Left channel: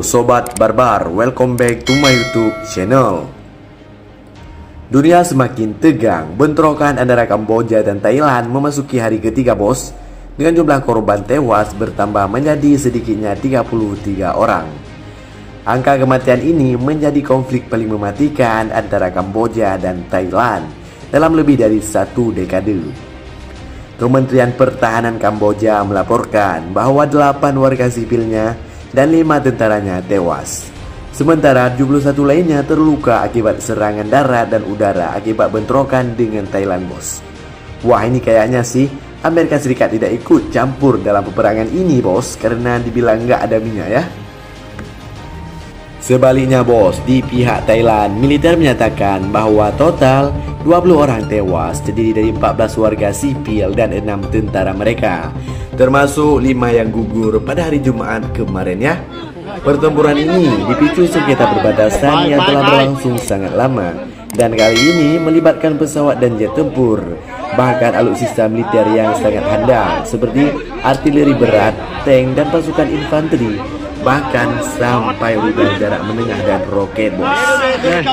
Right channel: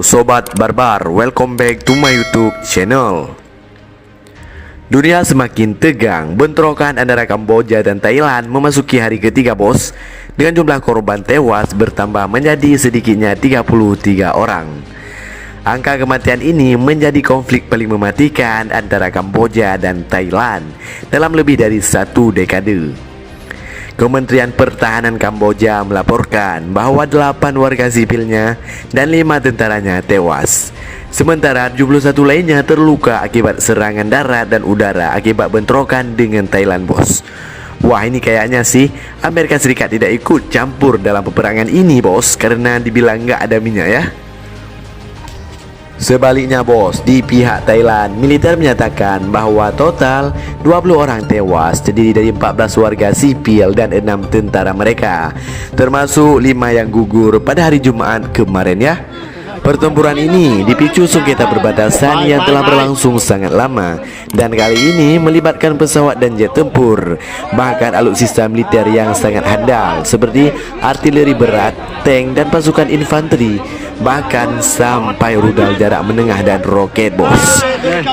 Halo Sobat Barbar, welcome back to my YouTube channel. Dunia semakin tegang, bentrokan antara Kamboja dan Thailand memasuki hari ketiga bos, dengan jumlah korban tewas bertambah menjadi sedikitnya 33 orang. Angka kematian ini menjadi konflik paling mematikan antara Kamboja dan Thailand dalam lebih dari satu dekade. Kementerian Pertahanan Kamboja melaporkan bahwa 8 warga sipilnya dan 5 tentaranya tewas. Sementara 71 lainnya terluka akibat serangan darat dan udara akibat bentrokan dengan Thailand bos. Wah, ini kayaknya sih Amerika Serikat tidak ikut campur dalam peperangan ini bos, karena dibilang nggak ada minyak ya. Sebaliknya bos, di pihak Thailand, militer menyatakan bahwa total 20 orang tewas, terdiri dari 14 warga sipil dan 6 tentara mereka, termasuk 5 yang gugur pada hari Jumat kemarin ya. Pertempuran ini dipicu sengketa perbatasan yang telah berlangsung sangat lama, dan kali ini melibatkan pesawat dan jet tempur, bahkan alutsista militer yang sangat handal seperti artileri berat, tank dan pasukan infanteri, bahkan sampai rudal jarak menengah dan roket bos.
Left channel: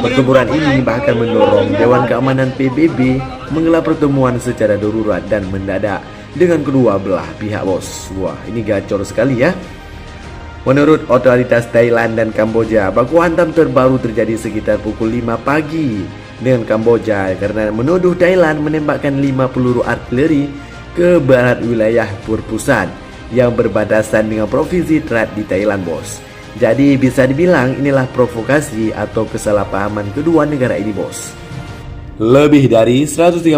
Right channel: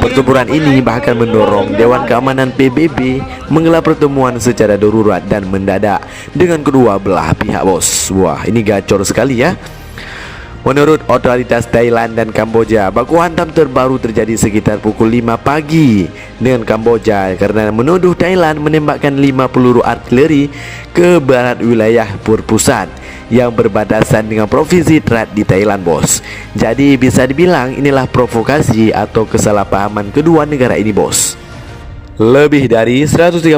Pertempuran ini bahkan mendorong Dewan Keamanan PBB menggelar pertemuan secara darurat dan mendadak dengan kedua belah pihak bos. Wah, ini gacor sekali ya. Menurut otoritas Thailand dan Kamboja, baku hantam terbaru terjadi sekitar pukul 5 pagi dengan Kamboja karena menuduh Thailand menembakkan 5 peluru artileri ke barat wilayah Purpusat yang berbatasan dengan provinsi Trat di Thailand bos. Jadi bisa dibilang inilah provokasi atau kesalahpahaman kedua negara ini bos. Lebih dari 138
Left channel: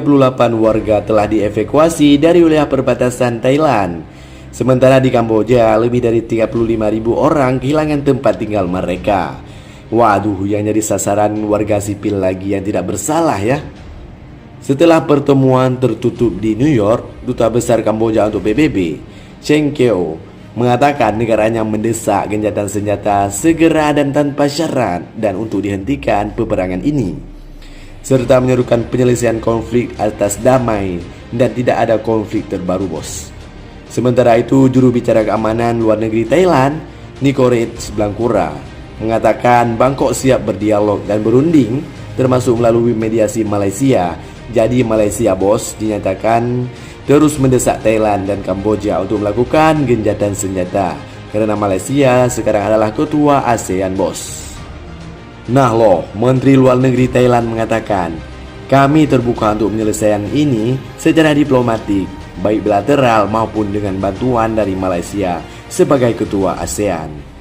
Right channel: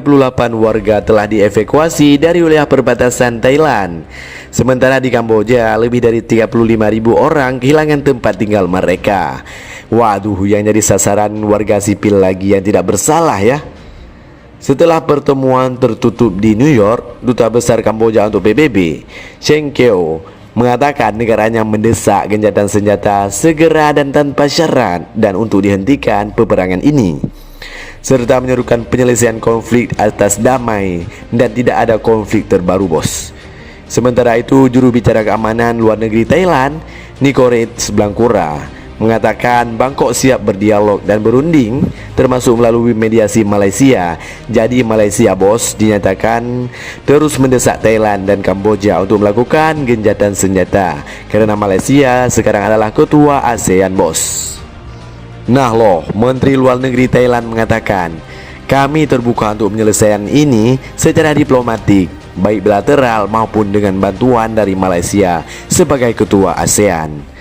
warga telah dievakuasi dari wilayah perbatasan Thailand. Sementara di Kamboja lebih dari 35.000 orang kehilangan tempat tinggal mereka. Waduh, yang jadi sasaran warga sipil lagi yang tidak bersalah ya. Setelah pertemuan tertutup di New York, Duta Besar Kamboja untuk PBB, Cheng Keo, mengatakan negaranya mendesak gencatan senjata segera dan tanpa syarat dan untuk dihentikan peperangan ini, serta menyerukan penyelesaian konflik atas damai dan tidak ada konflik terbaru bos. Sementara itu, juru bicara keamanan luar negeri Thailand, Nikorets Blangkura, mengatakan Bangkok siap berdialog dan berunding, termasuk melalui mediasi Malaysia. Jadi Malaysia bos dinyatakan terus mendesak Thailand dan Kamboja untuk melakukan gencatan senjata, karena Malaysia sekarang adalah ketua ASEAN bos. Nah loh, Menteri Luar Negeri Thailand mengatakan, kami terbuka untuk penyelesaian ini secara diplomatik, baik bilateral maupun dengan bantuan dari Malaysia sebagai ketua ASEAN.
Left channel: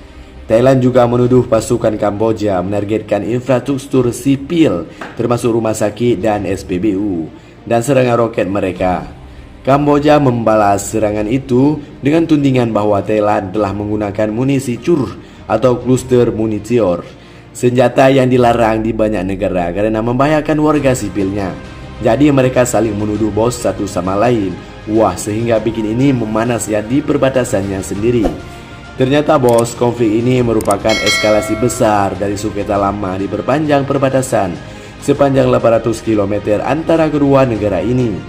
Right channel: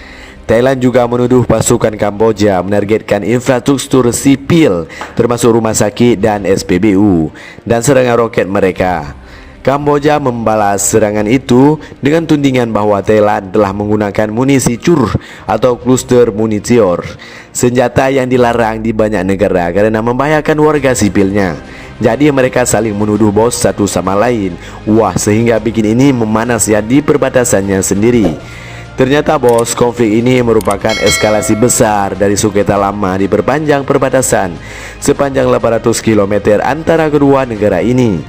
Thailand juga menuduh pasukan Kamboja menargetkan infrastruktur sipil termasuk rumah sakit dan SPBU dan serangan roket mereka. Kamboja membalas serangan itu dengan tudingan bahwa Thailand telah menggunakan munisi cur atau kluster munisior, senjata yang dilarang di banyak negara karena membahayakan warga sipilnya. Jadi mereka saling menuduh bos satu sama lain. Wah, sehingga bikin ini memanas ya di perbatasannya sendiri. Ternyata bos, konflik ini merupakan eskalasi besar dari sengketa lama di perpanjang perbatasan sepanjang 800 km antara kedua negara ini.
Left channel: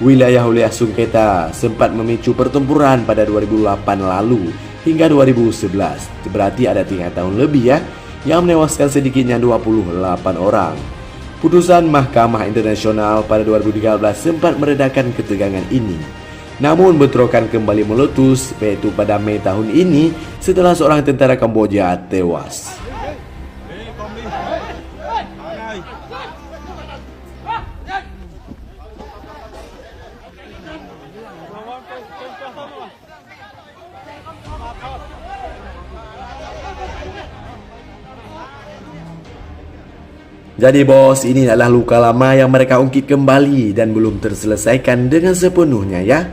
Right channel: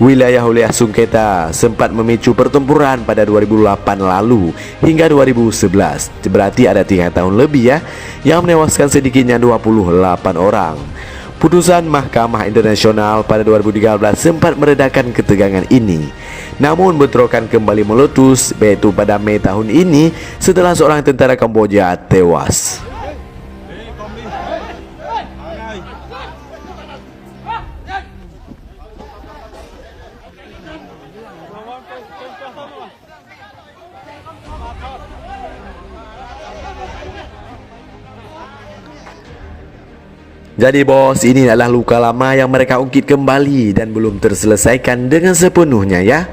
Wilayah-wilayah sengketa sempat memicu pertempuran pada 2008 lalu hingga 2011. Berarti ada 3 tahun lebih ya, yang menewaskan sedikitnya 28 orang. Putusan Mahkamah Internasional pada 2013 sempat meredakan ketegangan ini. Namun bentrokan kembali meletus, yaitu pada Mei tahun ini setelah seorang tentara Kamboja tewas. Jadi bos, ini adalah luka lama yang mereka ungkit kembali dan belum terselesaikan dengan sepenuhnya ya.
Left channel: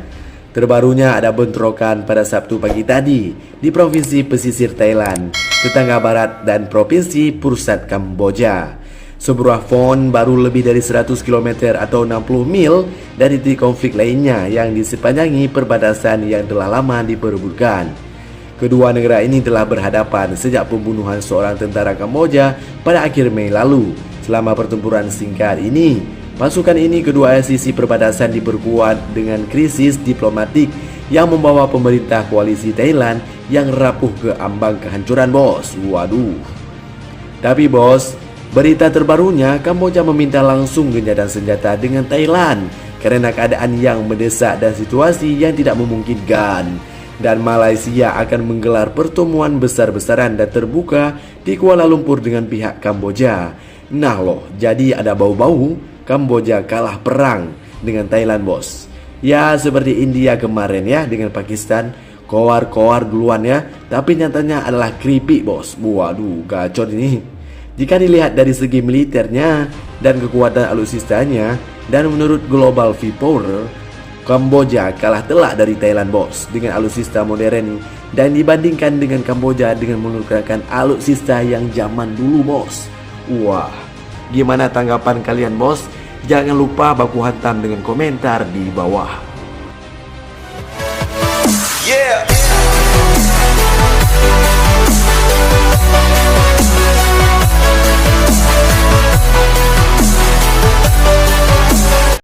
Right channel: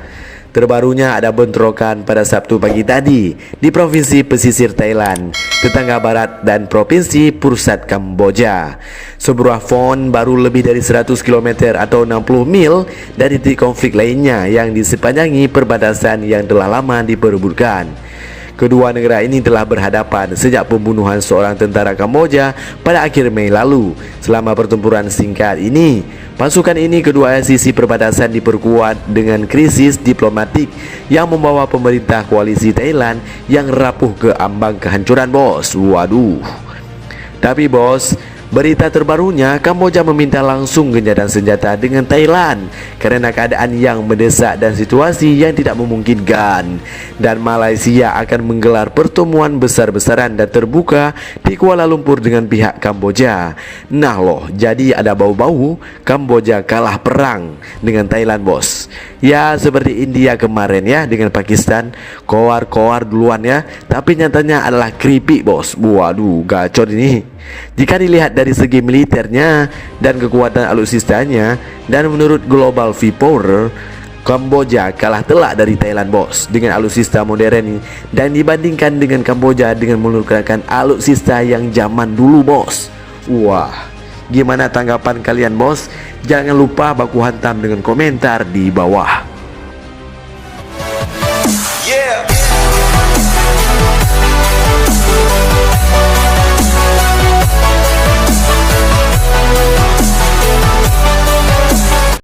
Terbarunya ada bentrokan pada Sabtu pagi tadi di provinsi pesisir Thailand, tetangga barat dan provinsi Pursat Kamboja. Sebuah font baru lebih dari 100 km atau 60 mil dari titik konflik lainnya yang disepanjangi perbatasan yang telah lama diperebutkan. Kedua negara ini telah berhadapan sejak pembunuhan seorang tentara Kamboja pada akhir Mei lalu. Selama pertempuran singkat ini, Pasukan ini kedua sisi perbatasan diperkuat dengan krisis diplomatik yang membawa pemerintah koalisi Thailand yang rapuh ke ambang kehancuran, bos. Waduh. Tapi bos, berita terbarunya, Kamboja meminta langsung gencatan senjata dengan Thailand karena keadaan yang mendesak dan situasi yang tidak memungkinkan. Dan Malaysia akan menggelar pertemuan besar-besaran dan terbuka di Kuala Lumpur dengan pihak Kamboja. Nah loh, jadi ada bau-bau Kamboja kalah perang dengan Thailand, bos. Ya seperti India kemarin ya dengan Pakistan, koar-koar duluan ya, tapi nyatanya adalah keripik, bos. Waduh, gacor ini. Jika dilihat dari segi militernya dan kekuatan alutsistanya, dan menurut Global Viewpower, Kamboja kalah telak dari Thailand, bos, dengan alutsista modern ini. Dan dibandingkan dengan Kamboja dengan menggunakan alutsista yang zaman dulu, bos. Wah, gimana tanggapan kalian, bos? Jangan lupa baku hantam dengan komentar di bawah.